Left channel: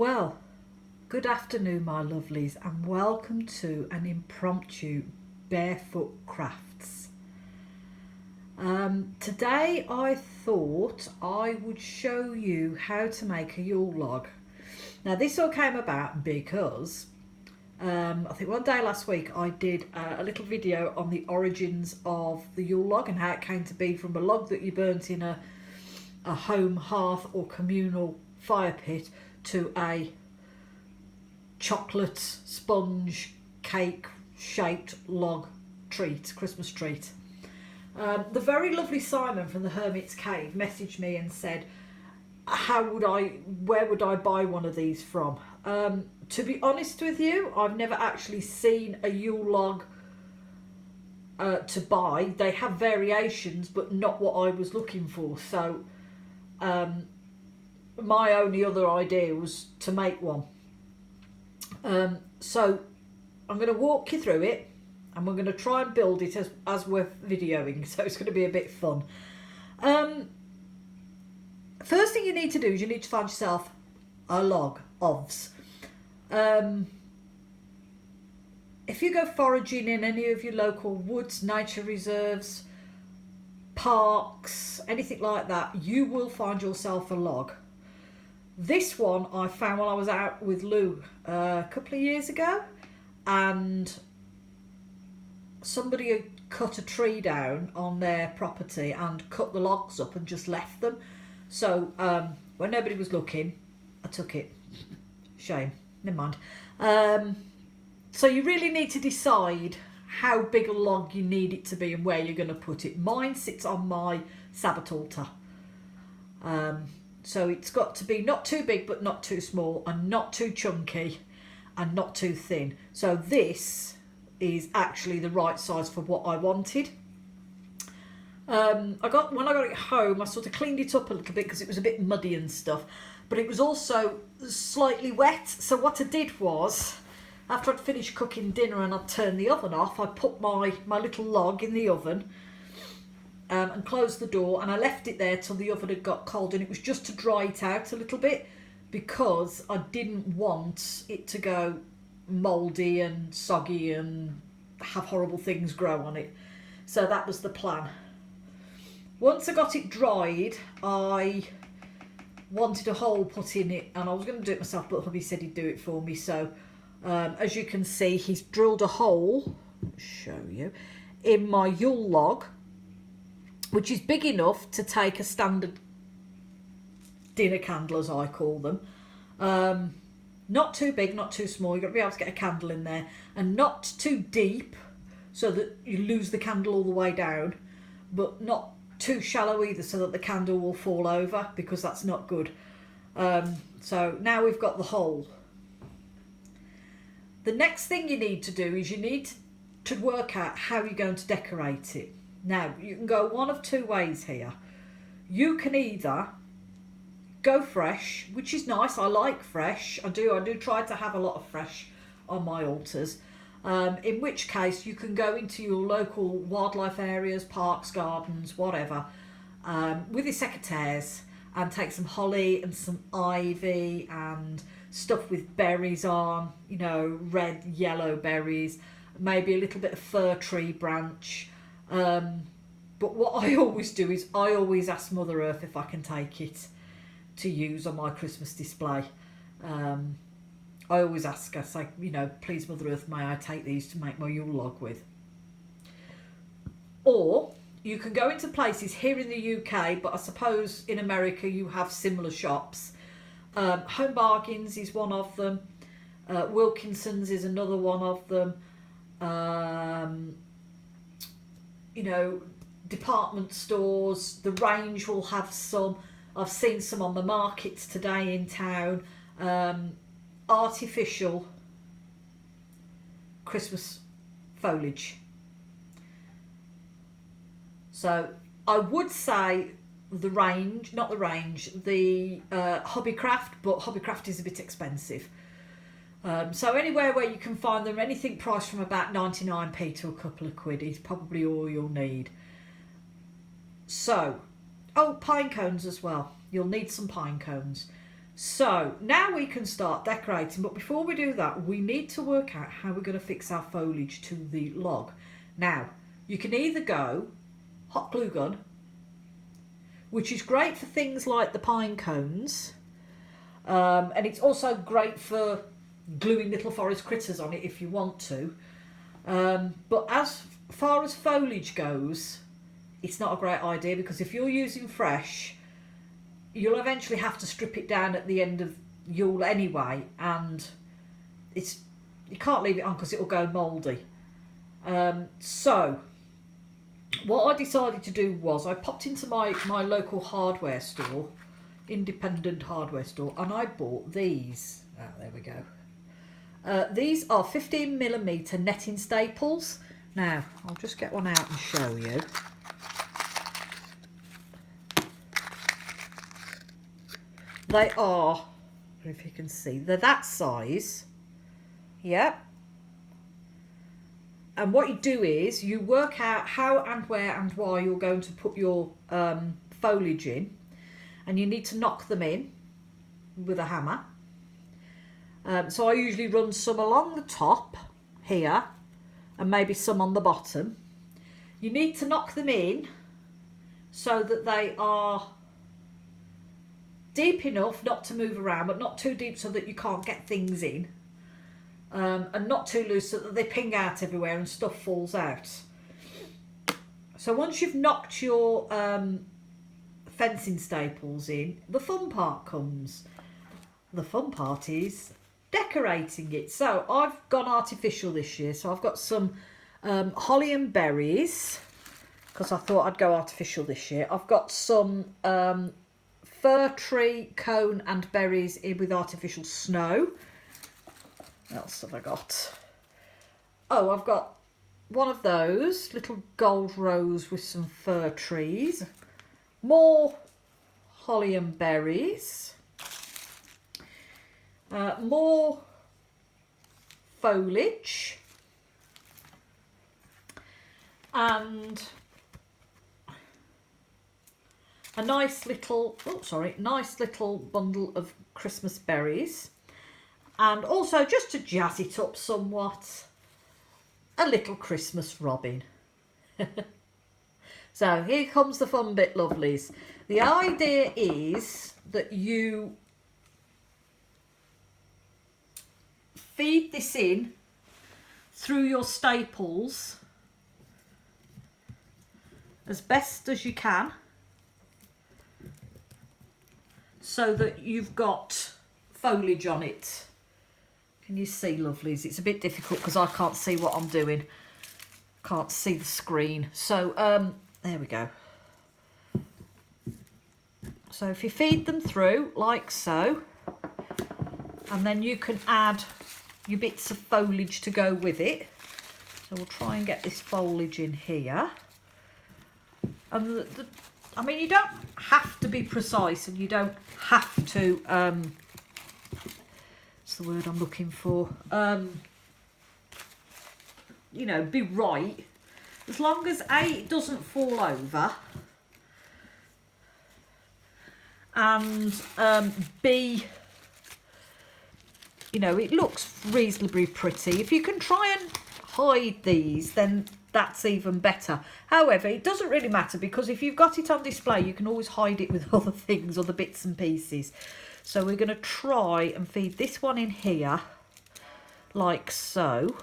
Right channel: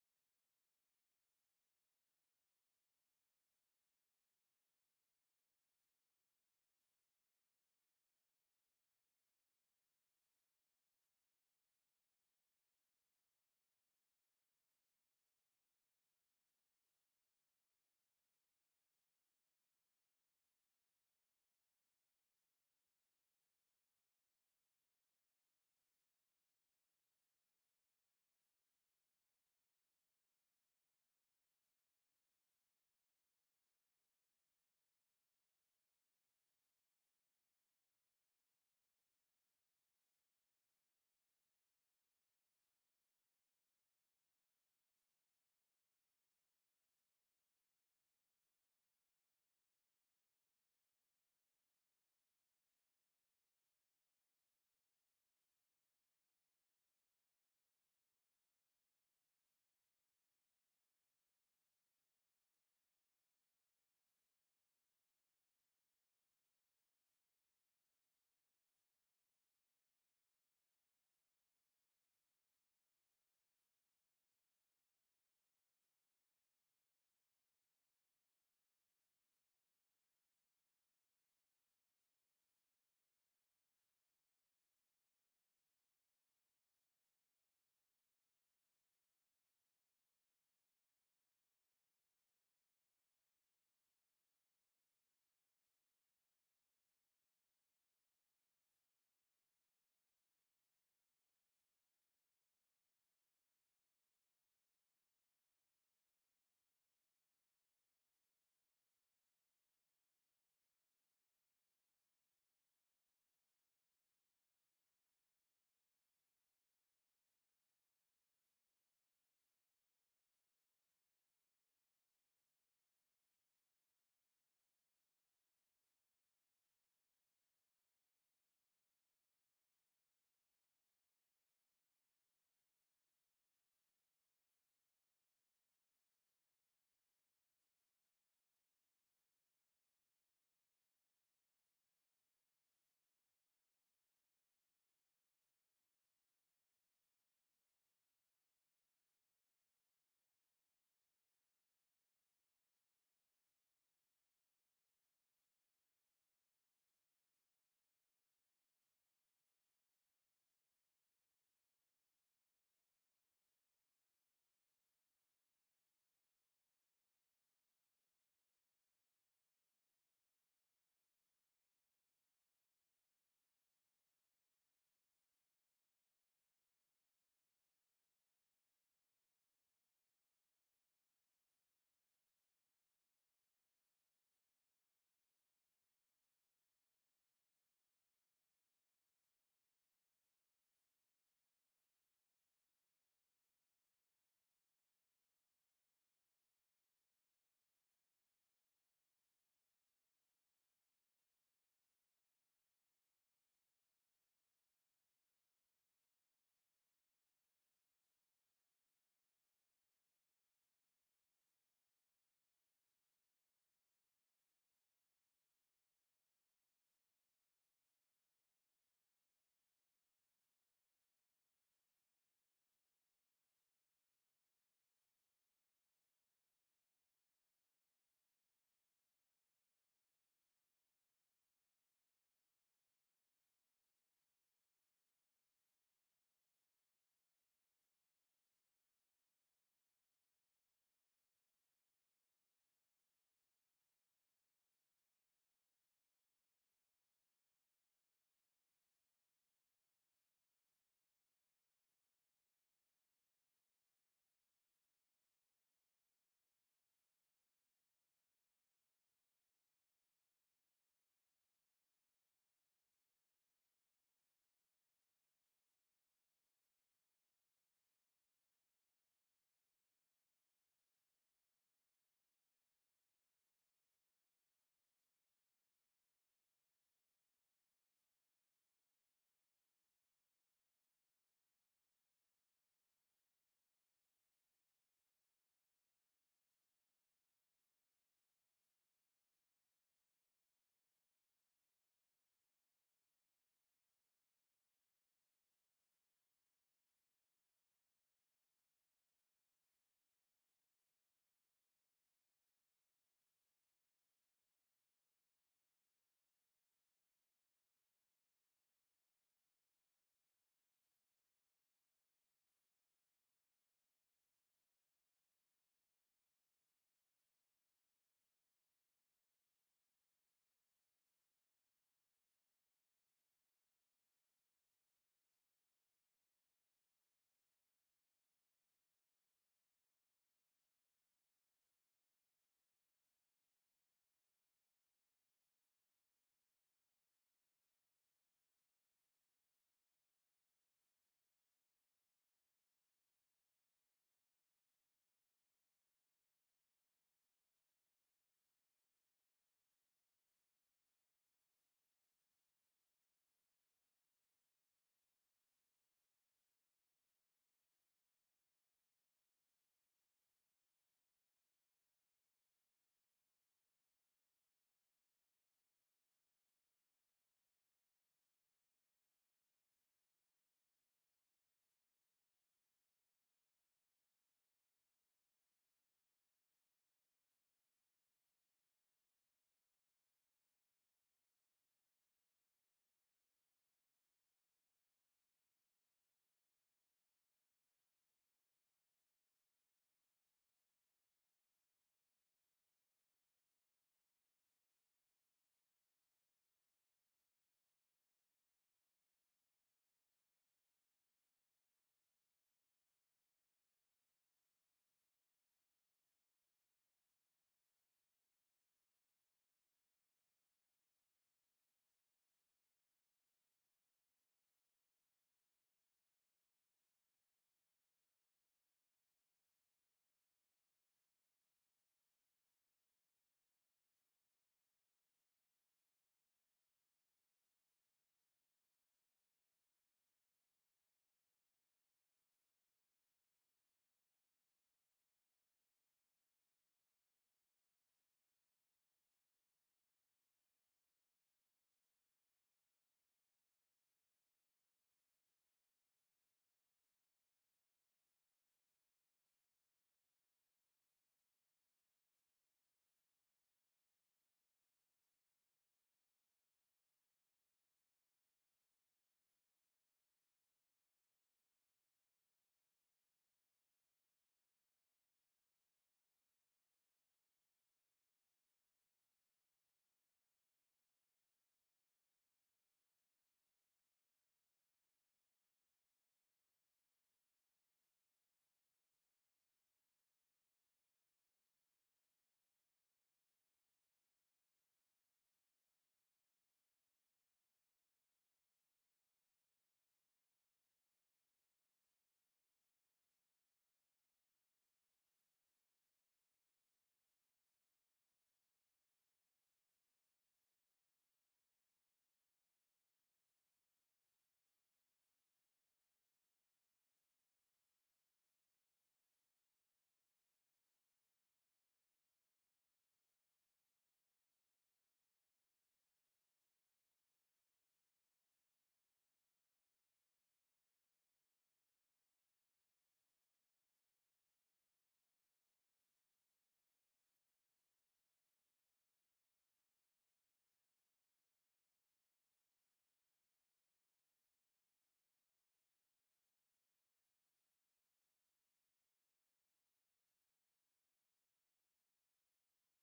Well, good afternoon, my lovelies, and welcome to an impromptu Barefoot Crafts. Today I thought I would show you how to make a Yule log. Now this all came about because I think one day last week I did a little video on the origins of the Yule log and how it came to be from a log that you burnt in a home hearth or communal fire pit to a chocolate sponge cake shaped log treat, Christmas treat. The very lovely Simon from the Hermit's Cave messaged me and said, where would I buy one of these from? To be honest with you, I've never actually seen a Yule log to buy. They have variations, but not what I was looking for. So my only other idea was to make one. So I'm going to walk you through it, and we're going to try and build it as we're videoing, so it's going to be a bit fun. First thing you need to do is you need to find yourself a log, OVS. If you go foraging in any of your local woods, nature reserves, parks, anything like that, you will find yourself a log. This one I found while I was out with Lou a couple of years ago, and somebody had cut a tree down on their property and cut the logs up and just left them. So when nobody was looking, I took it. Shame, never mind. So you really need to decide how big a log you need it to be and where you're going to put it. Mine sits on my Sabbath altar. So it's got to be not too big but not too small, and not too chunky and not too thin. So this is actually the right size for what I wanted. When I got it home, I sort of cleaned it up a little bit because it was a bit muddy and stuff, but it was also slightly wet. So what I did was, after I'd finished cooking dinner and I'd turned the oven off, I put my little log in the oven and closed the door, and I left it there till the oven had got cold, and it was just to dry it out a little bit because I didn't want it to go mouldy and soggy and have horrible things grow on it. So that was the plan. Once I got it dried, I wanted a hole put in it, and I was going to do it myself, but hubby said he'd do it for me. So as you can see, he's drilled a hole, I'll show you, in my Yule log, which is big enough to take a standard dinner candle, as I call them. Not too big, not too small. You've got to be able to get a candle in there, and not too deep so that you lose the candle all the way down, but not too shallow either so that the candle will fall over, because that's not good. So now we've got the hole. The next thing you need to do is you need to work out how you're going to decorate it. Now, you can go one of two ways here. You can either go fresh, which is nice. I like fresh. I do try to have a lot of fresh on my altars. In which case, you can go into your local wildlife areas, parks, gardens, whatever, with your secateurs, and take some holly and some ivy and stuff with berries on, you know, red, yellow berries, maybe a little bit of fir tree branch. But what I always do is I always ask Mother Earth if I can take it to use on my Christmas display. I always ask her, say, you know, please Mother Earth, may I take these to make my Yule log with? Or you can go into places here in the UK, but I suppose in America you have similar shops. Home Bargains is one of them. Wilkinson's is another one of them. You know, department stores, the Range will have some. I've seen some on the markets today in town. Artificial Christmas foliage. So I would say the Range, not the Range, the Hobbycraft, but Hobbycraft is a bit expensive. So anywhere where you can find them, anything priced from about 99p to a couple of quid is probably all you'll need. So, oh, pine cones as well. You'll need some pine cones. So now we can start decorating, but before we do that, we need to work out how we're going to fix our foliage to the log. Now, you can either go hot glue gun, which is great for things like the pine cones, and it's also great for gluing little forest critters on it if you want to. But as far as foliage goes, it's not a great idea, because if you're using fresh, you'll eventually have to strip it down at the end of Yule anyway, and you can't leave it on because it'll go mouldy. So what I decided to do was I popped into my local hardware store, independent hardware store, and I bought these. Oh, there we go. These are 15mm netting staples. Now I'll just get one out and show you. They are, if you can see, they're that size. Yep. And what you do is you work out how and where and why you're going to put your foliage in, and you need to knock them in with a hammer. So I usually run some along the top here and maybe some on the bottom. You need to knock them in so that they are deep enough not to move around, but not too deep so that you can't get things in, and not too loose so that they ping out everywhere and stuff falls out. So once you've knocked your fencing staples in, the fun part comes. The fun part is decorating it. So I've gone artificial this year, so I've got some holly and berries, because I thought I'd go artificial this year. I've got some fir tree cone and berries in with artificial snow. What else have I got? Oh, I've got one of those little gold rose with some fir trees, more holly and berries, more foliage, and a nice little bundle of Christmas berries, and also, just to jazz it up somewhat, a little Christmas robin. So here comes the fun bit, lovelies. The idea is that you feed this in through your staples as best as you can, so that you've got foliage on it. Can you see, lovelies? It's a bit difficult because I can't see what I'm doing. Can't see the screen. So there we go. So if you feed them through like so, and then you can add your bits of foliage to go with it. So we'll try and get this foliage in here. And I mean, you don't have to be precise, and you don't have to, what's the word I'm looking for? You know, be right. As long as A, it doesn't fall over, and B, you know, it looks reasonably pretty. If you can try and hide these, then that's even better. However, it doesn't really matter, because if you've got it on display, you can always hide it with other things, other bits and pieces. So we're going to try and feed this one in here like so.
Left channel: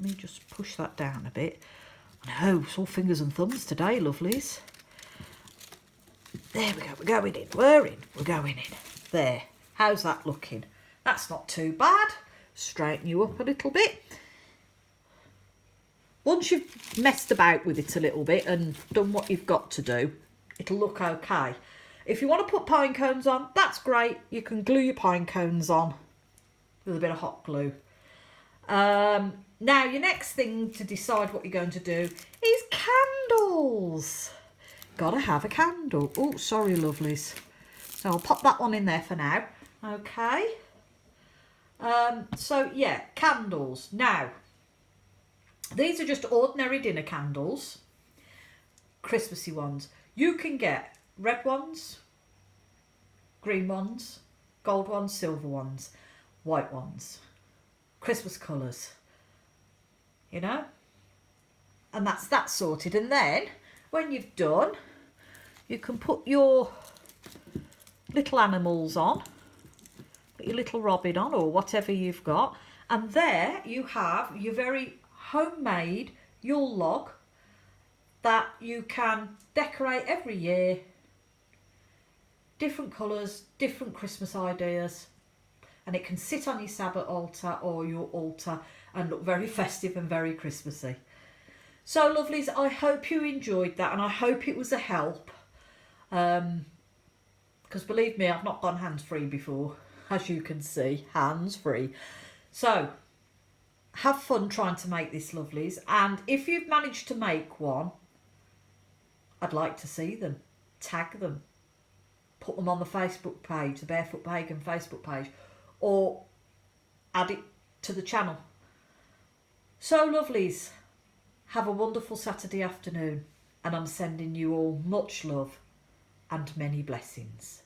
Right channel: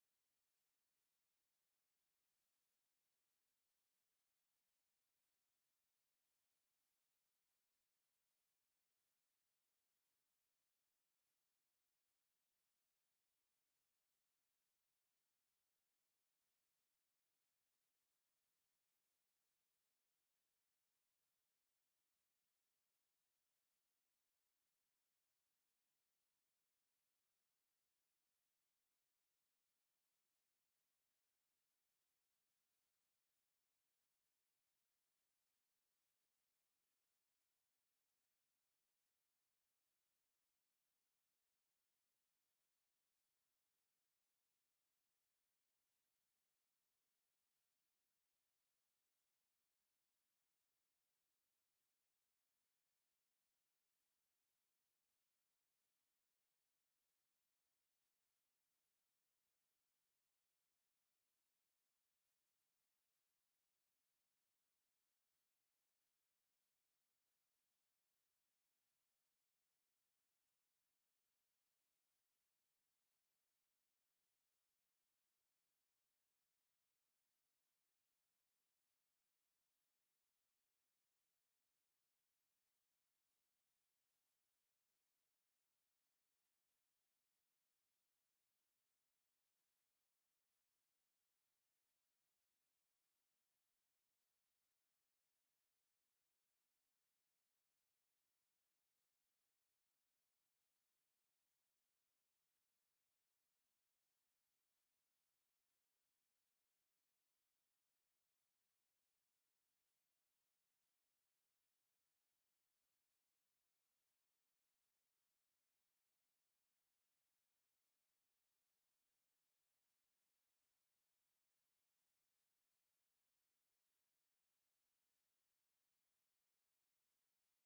Let me just push that down a bit. No, it's all fingers and thumbs today, lovelies. There we go, we're going in, we're going in. There, how's that looking? That's not too bad. Straighten you up a little bit. Once you've messed about with it a little bit and done what you've got to do, it'll look okay. If you want to put pine cones on, that's great. You can glue your pine cones on with a bit of hot glue. Now, your next thing to decide what you're going to do is candles. Gotta have a candle. Oh, sorry, lovelies. So I'll pop that one in there for now. Okay. So, yeah, candles. Now, these are just ordinary dinner candles, Christmassy ones. You can get red ones, green ones, gold ones, silver ones, white ones, Christmas colours, you know, and that's that sorted. And then when you've done, you can put your little animals on, put your little robin on or whatever you've got, and there you have your very homemade Yule log that you can decorate every year. Different colours, different Christmas ideas, and it can sit on your Sabbath altar or your altar and look very festive and very Christmassy. So lovelies, I hope you enjoyed that, and I hope it was a help, because believe me, I've not gone hands-free before, as you can see, hands-free. So have fun trying to make this, lovelies, and if you've managed to make one, I'd like to see them. Tag them, put them on the Facebook page, the Barefoot Pagan Facebook page, or add it to the channel. So lovelies, have a wonderful Saturday afternoon, and I'm sending you all much love and many blessings.